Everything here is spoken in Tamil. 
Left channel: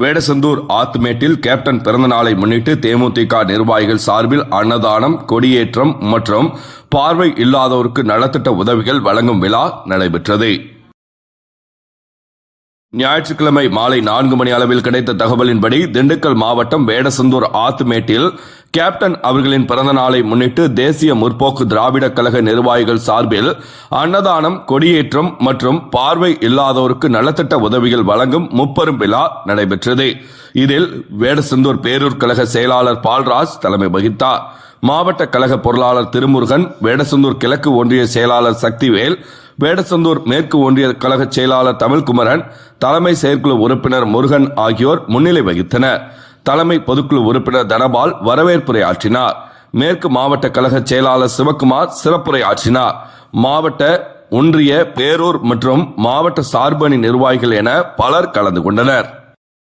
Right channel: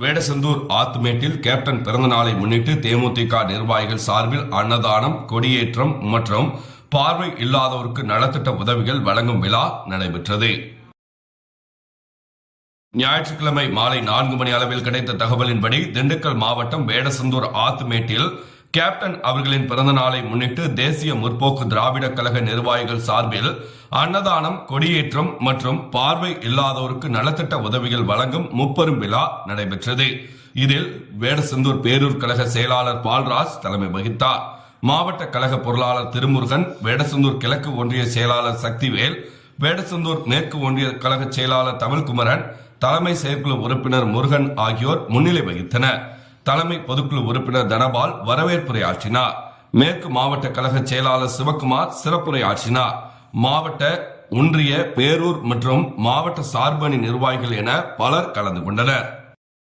வேடசந்தூர் ஆத்துமேட்டில் கேப்டன் பிறந்த நாளை முன்னிட்டு தேமுதிக நிர்வாகிகள் சார்பில் அன்னதானம், கொடியேற்றம் மற்றும் பார்வை இல்லாதோருக்கு நலத்திட்ட உதவிகள் வழங்கும் விழா நடைபெற்றது. ஞாயிற்றுக்கிழமை மாலை 4 மணி அளவில் கிடைத்த தகவலின்படி திண்டுக்கல் மாவட்டம் வேடசந்தூர் ஆத்துமேட்டில் கேப்டன் அவர்களின் பிறந்த நாளை முன்னிட்டு தேசிய முற்போக்கு திராவிட கழக நிர்வாகிகள் சார்பில் அன்னதானம், கொடியேற்றம் மற்றும் பார்வை இல்லாதோருக்கு நலத்திட்ட உதவிகள் வழங்கும் முப்பெரும் விழா நடைபெற்றது. இதில் வேடசந்தூர் பேரூர் கழக செயலாளர் பால்ராஜ் தலைமை வகித்தார். மாவட்ட கழக பொருளாளர் திருமுருகன், வேடசந்தூர் கிழக்கு ஒன்றிய செயலாளர் சக்திவேல், வேடசந்தூர் மேற்கு ஒன்றிய கழக செயலாளர் தமிழ்குமரன், தலைமை செயற்குழு உறுப்பினர் முருகன் ஆகியோர் முன்னிலை வகித்தனர். தலைமை பொதுக்குழு உறுப்பினர் தனபால் வரவேற்புரை ஆற்றினார். மேற்கு மாவட்ட கழக செயலாளர் சிவக்குமார் சிறப்புரை ஆற்றினார். மாவட்ட, ஒன்றிய, பேரூர் மற்றும் மாவட்ட சார்பணி நிர்வாகிகள் என பலர் கலந்து கொண்டனர்.